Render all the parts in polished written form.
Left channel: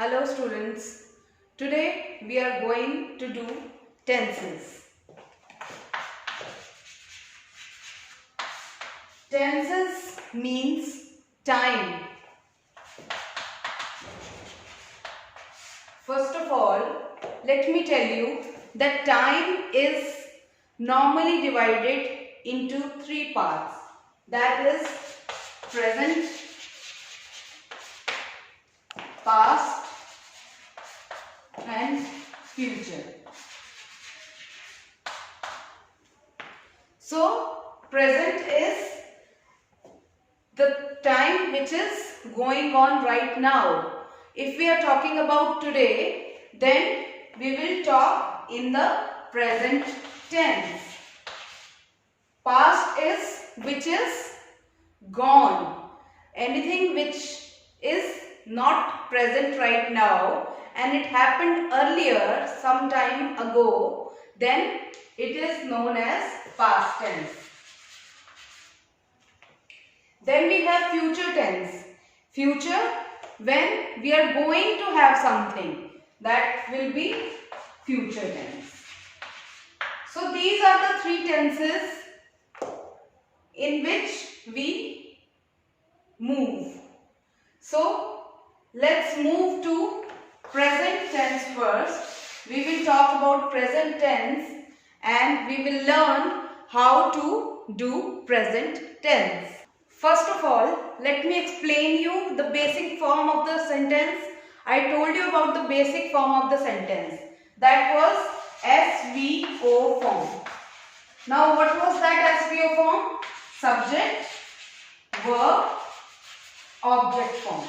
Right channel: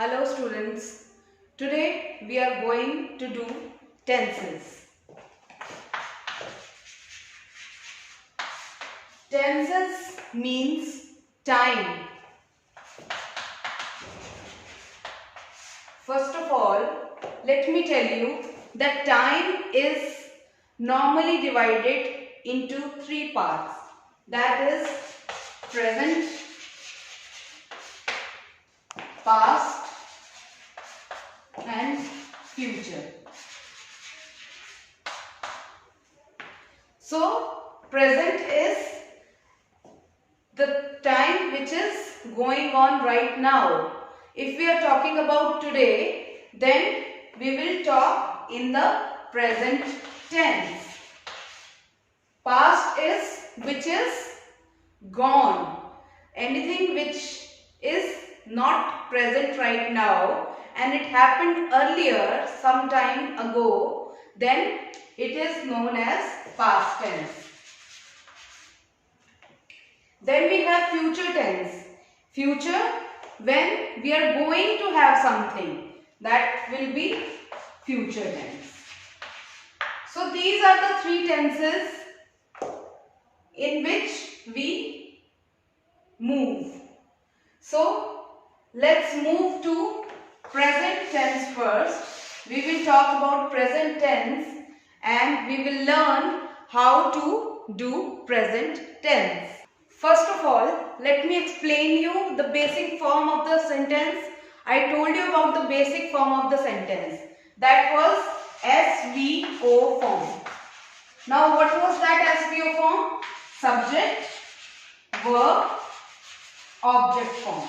Hello students, today we are going to do tenses. Tenses means time. First of all, let me tell you that time is normally divided into three parts. That is present, past and future. So, present is the time which is going on right now. If we are talking about today, then we will talk in the present tense. Past is which is gone. Anything which is not present right now and it happened earlier some time ago, then it is known as past tense. Then we have future tense. Future, when we are going to have something, that will be future tense. So these are the three tenses in which we move. So let's move to present tense first. We will talk about present tense and we will learn how to do present tense. First of all, let me explain you the basic form of the sentence. I told you about the basic form of the sentence. That was SVO form. Now what was that SVO form? Subject, verb, object form.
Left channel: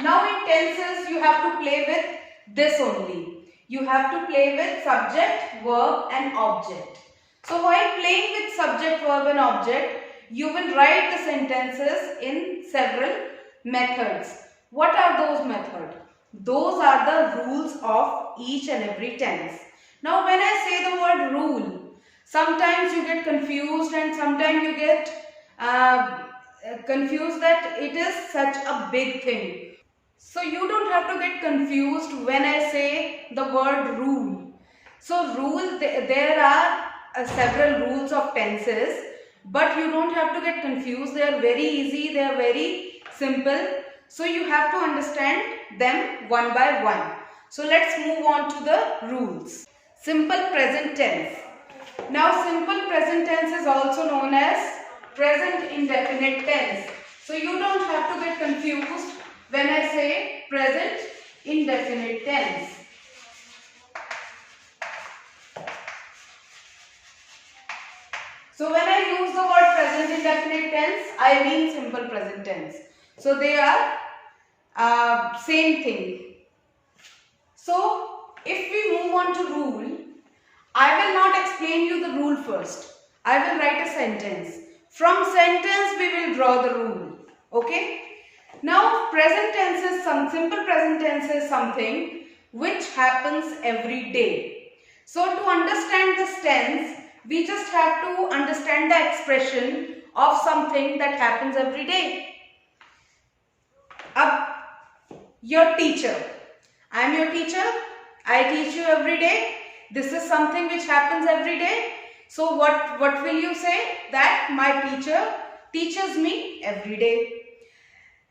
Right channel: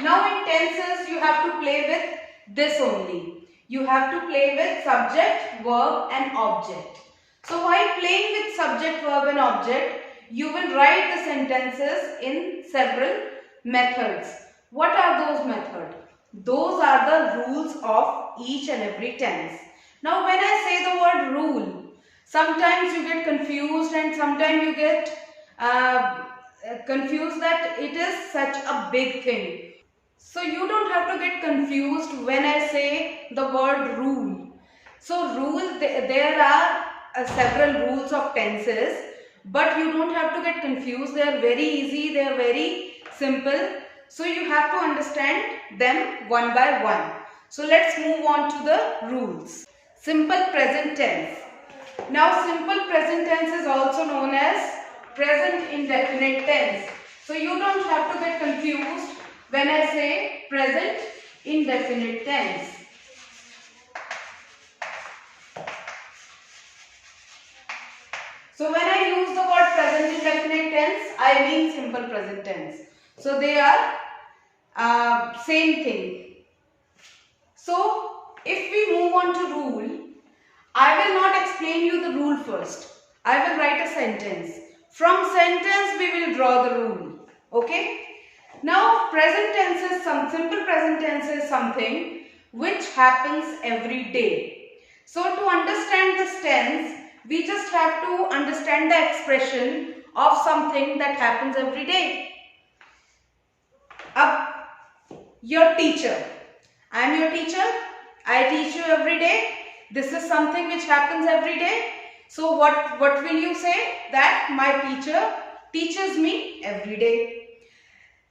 Now in tenses you have to play with this only. You have to play with subject, verb and object. So while playing with subject, verb and object, you will write the sentences in several methods. What are those methods? Those are the rules of each and every tense. Now when I say the word rule, sometimes you get confused and sometimes you get confused that it is such a big thing. So you don't have to get confused when I say the word rule. So rule, there are several rules of tenses, but you don't have to get confused. They are very easy, they are very simple. So you have to understand them one by one. So let's move on to the rules. Simple present tense. Now simple present tense is also known as present indefinite tense. So you don't have to get confused when I say present indefinite tense. So when I use the word present indefinite tense, I mean simple present tense. So they are same thing. So if we move on to rule, I will not explain you the rule first. I will write a sentence. From sentence we will draw the rule. Okay? Now present tense is simple present tense is something which happens every day. So to understand this tense, we just have to understand the expression of something that happens every day. Your teacher. I am your teacher. I teach you every day. This is something which happens every day. So what will you say? That my teacher teaches me every day.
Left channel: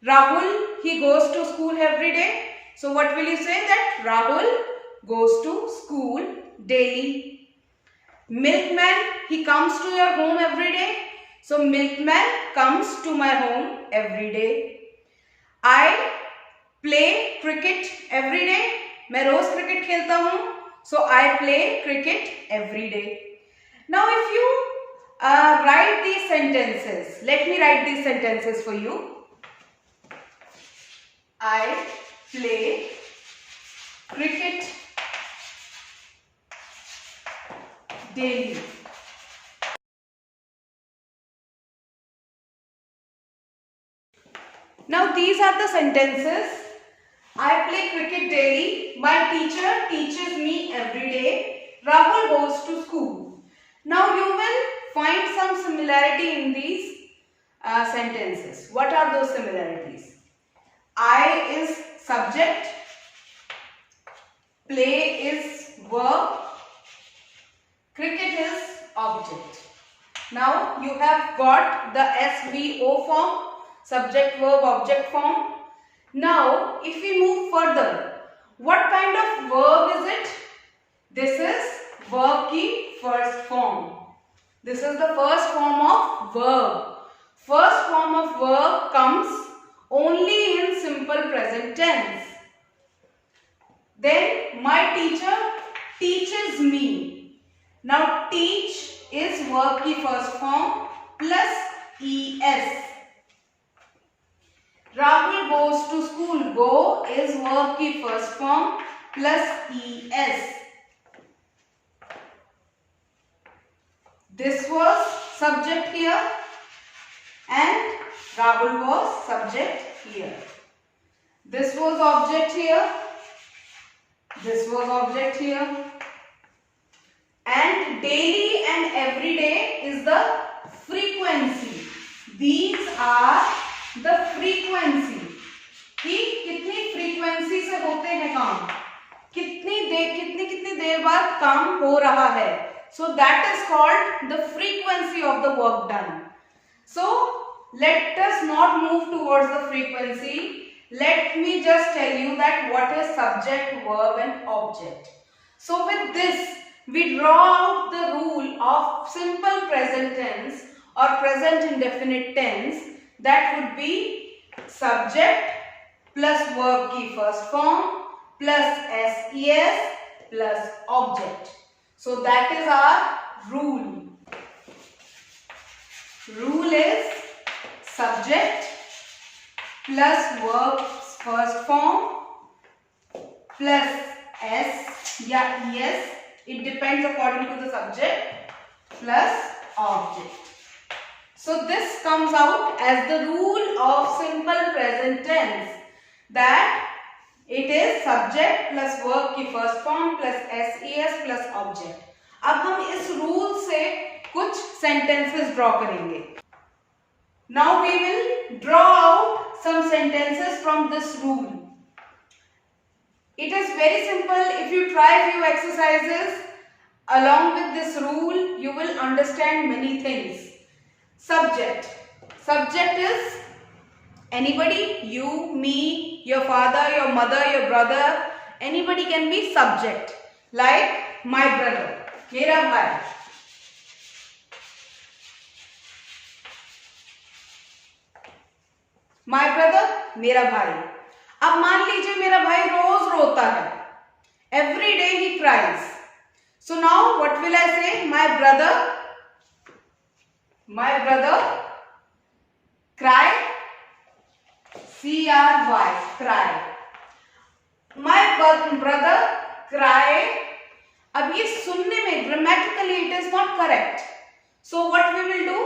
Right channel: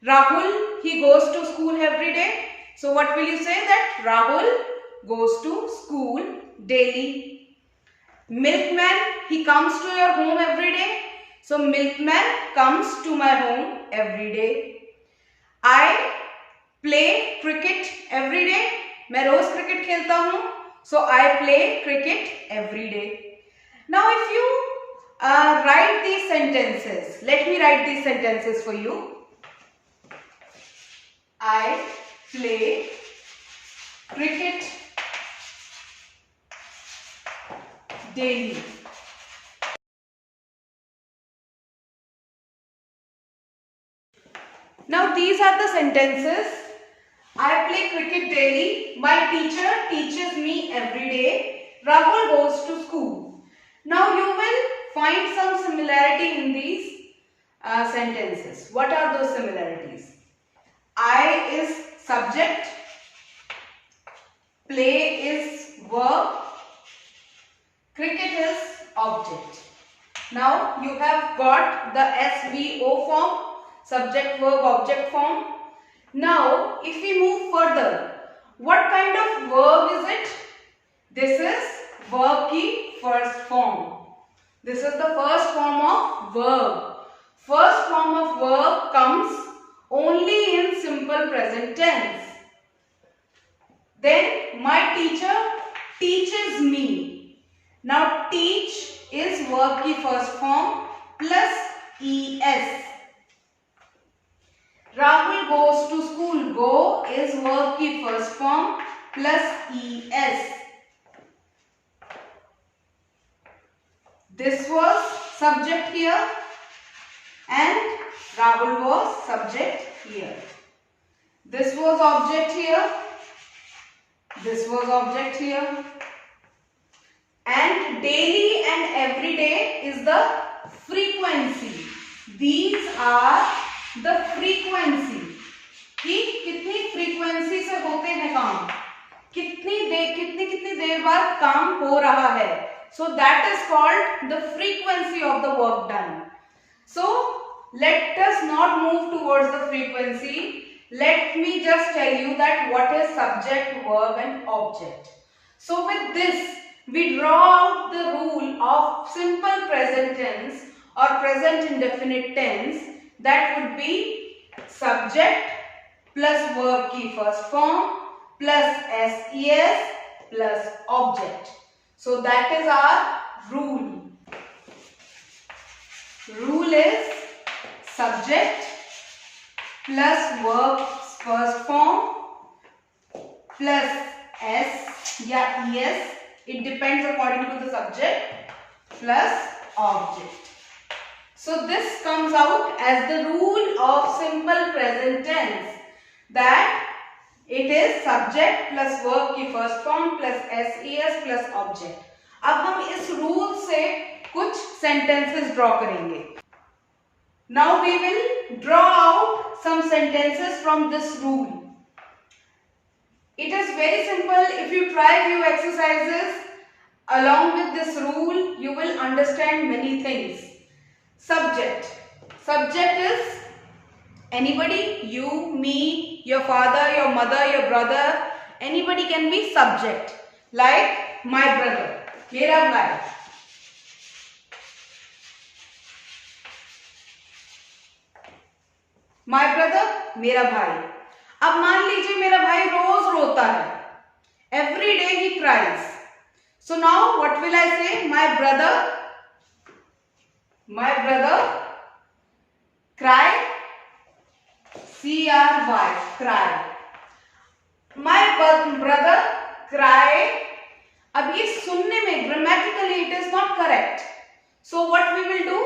Rahul, he goes to school every day. So what will you say? That Rahul goes to school daily. Milkman, he comes to your home every day. So milkman comes to my home every day. I play cricket every day. मैं रोज cricket खेलता हूँ. So I play cricket every day. Now if you write these sentences, let me write these sentences for you. I play cricket daily. Now these are the sentences. I play cricket daily. My teacher teaches me every day. Rahul goes to school. Now you will find some similarity in these sentences. What are those similarities? I is subject, play is verb, cricket is object. Now you have got the SVO form, subject verb object form. Now if we move further, what kind of verb is it? This is verb ki first form. This is the first form of verb. First form of verb comes only in simple present tense. Then my teacher teaches me. Now teach is verb ki first form plus es. Rahul goes to school. Go is verb ki first form plus es. This was subject here and Rahul was subject here. This was object here. This was object here. And daily and everyday is the frequency. These are the frequency. कि कितनी frequency से होते हैं काम, कितनी देर बाद काम हो रहा है. So that is called the frequency of the work done. So let us not move towards the frequency. Let me just tell you that what is subject, verb and object. So with this, we draw out the rule of simple present tense or present indefinite tense. That would be subject plus verb ki first form plus ses plus object. So that is our rule. Rule is subject plus verb first form plus s या es, it depends according to the subject, plus object. So this comes out as the rule of simple present tense, that it is subject plus verb की first form plus ses plus object. अब हम इस rule से कुछ sentences draw करेंगे. Now we will draw out some sentences from this rule. It is very simple. If you try few exercises along with this rule, you will understand many things. Subject. Subject is anybody, you, me, your father, your mother, your brother. Anybody can be subject. Like my brother, मेरा भाई. My brother, मेरा भाई. अब मान लीजिए मेरा भाई रोज रोता है. Every day he cries. So now what will I say? My brother cry. C-R-Y, cry. My brother cry. अब ये सुनने में grammatically it is not correct. So what we will do?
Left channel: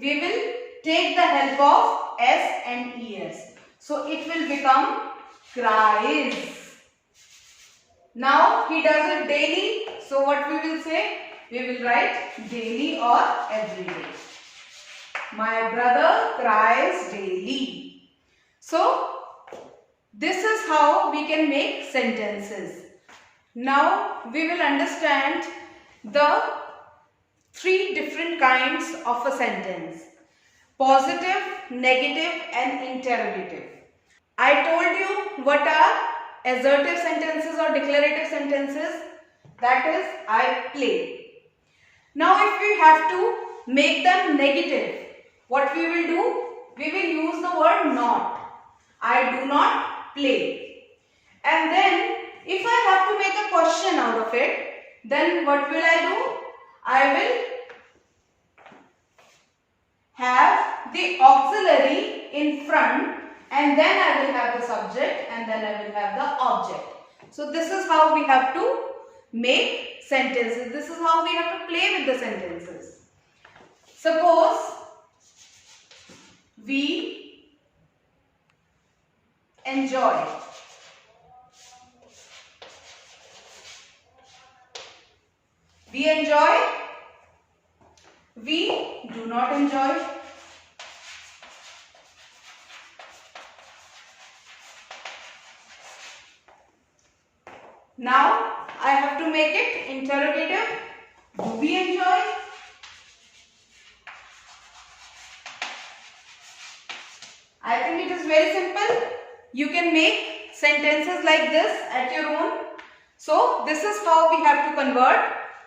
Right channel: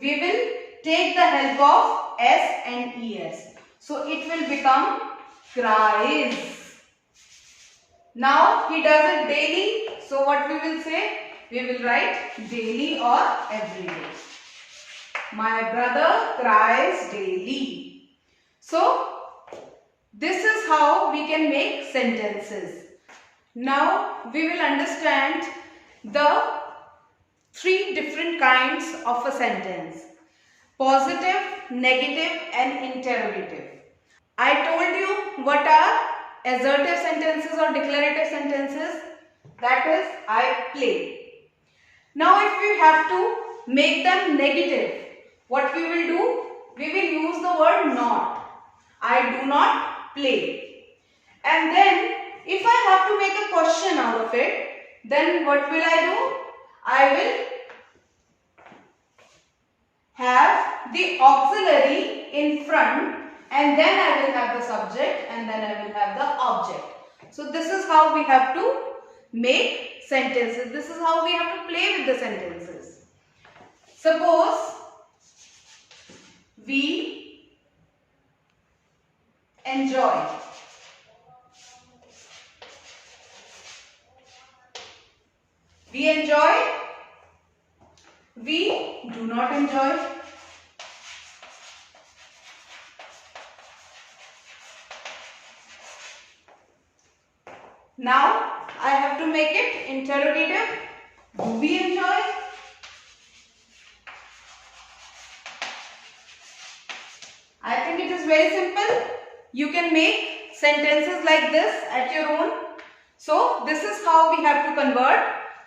We will take the help of S and ES. So it will become cries. Now he does it daily. So what we will say? We will write daily or every day. My brother cries daily. So this is how we can make sentences. Now we will understand the three different kinds of a sentence: positive, negative and interrogative. I told you what are assertive sentences or declarative sentences. That is, I play. Now if we have to make them negative, what we will do? We will use the word not. I do not play. And then if I have to make a question out of it, then what will I do? I will have the auxiliary in front, and then I will have the subject, and then I will have the object. So this is how we have to make sentences. This is how we have to play with the sentences. Suppose we enjoy. We enjoy. We do not enjoy. Now I have to make it interrogative. Do we enjoy? I think it is very simple. You can make sentences like this at your own. So this is how we have to convert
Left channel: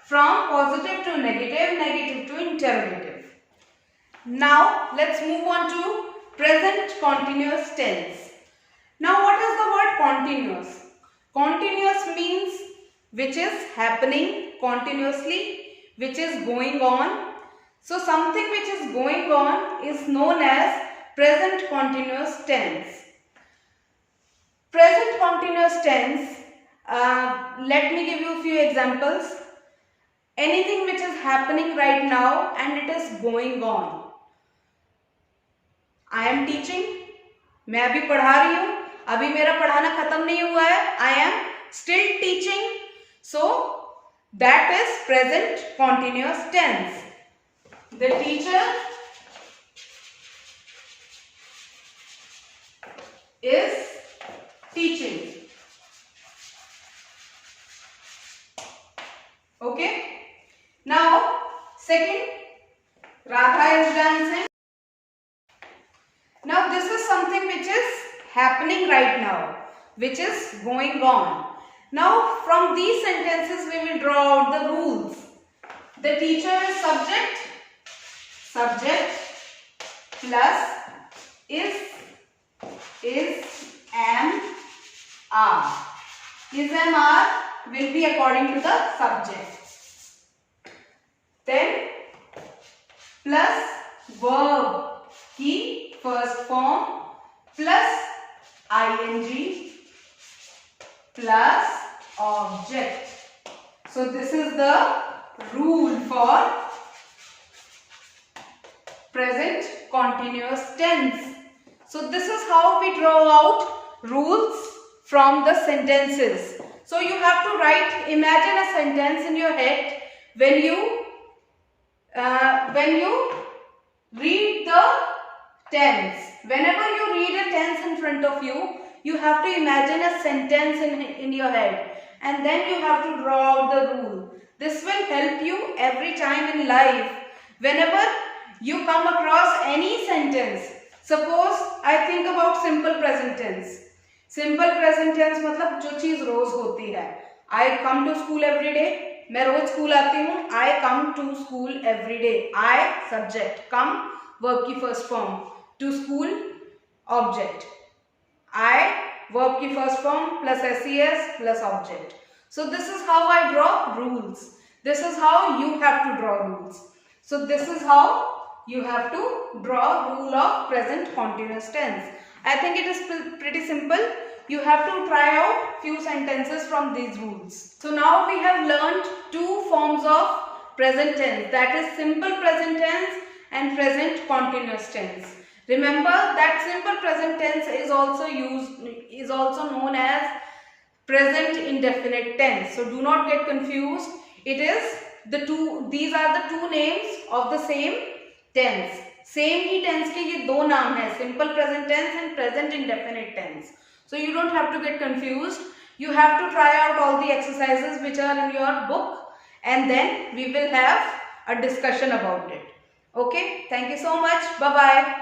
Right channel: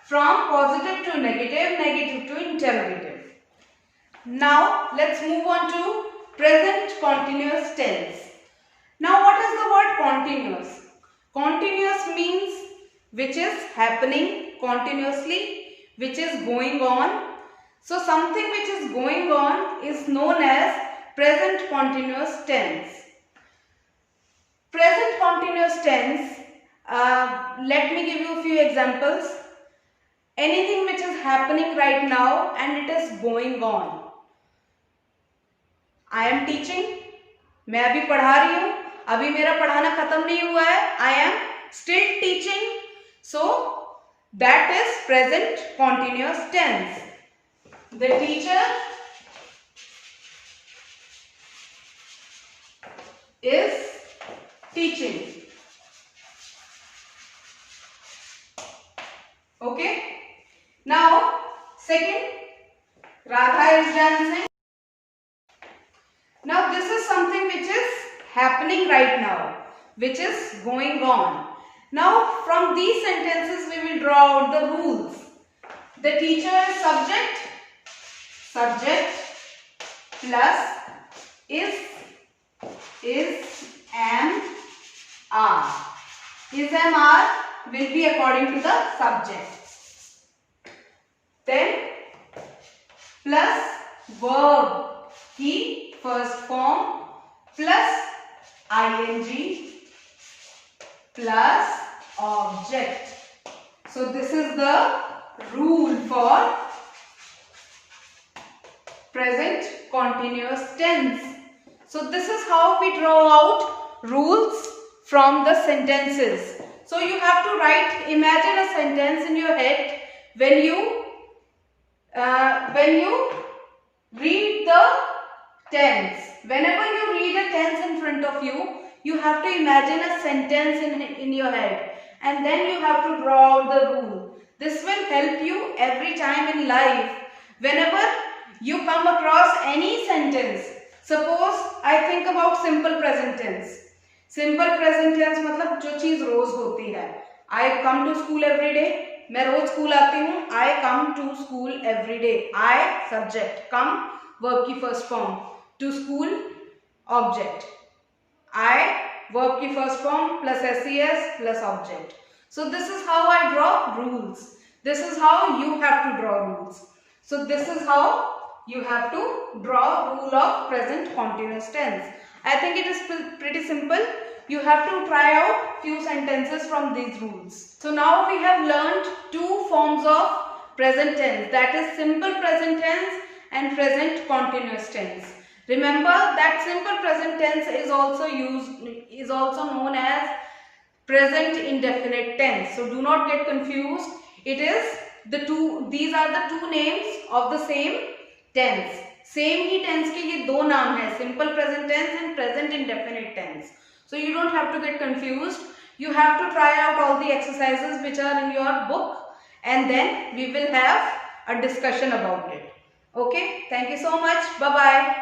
from positive to negative, negative to interrogative. Now let's move on to present continuous tense. Now what is the word continuous? Continuous means which is happening continuously, which is going on. So something which is going on is known as present continuous tense. Present continuous tense, let me give you a few examples. Anything which is happening right now and it is going on. I am teaching, मैं अभी पढ़ा रही हूँ, अभी मेरा पढ़ाना खत्म नहीं हुआ है. I am still teaching. So that is present continuous tense. The teacher is teaching. Okay. Now second, Radha is dancing. Now this is something which is happening right now, which is going on. Now from these sentences we will draw out the rules. The teacher is subject, subject plus is, am, are. Is, am, are will be according to the subject. Then plus verb की first form plus ing plus object. So this is the rule for present continuous tense. So this is how we draw out rules from the sentences. So you have to write, imagine a sentence in your head when you read the tense. Whenever you read a tense in front of you, you have to imagine a sentence in your head and then you have to draw out the rule. This will help you every time in life. Whenever you come across any sentence, suppose I think about simple present tense. Simple present tense मतलब जो चीज रोज होती है. I come to school every day. मैं रोज school आती हूँ. I come to school every day. I subject, come verb की first form, to school object. I verb की first form plus ses plus object. So this is how I draw rules. This is how you have to draw rules. So this is how you have to draw rule of present continuous tense. I think it is pretty simple. You have to try out few sentences from these rules. So now we have learned two forms of present tense, that is simple present tense and present continuous tense. Remember that simple present tense is also known as present indefinite tense. So do not get confused. These are the two names of the same tense. Same he tense के ये दो नाम है, simple present tense and present indefinite tense. So you don't have to get confused. You have to try out all the exercises which are in your book and then we will have a discussion about it. Okay, thank you so much. Bye bye.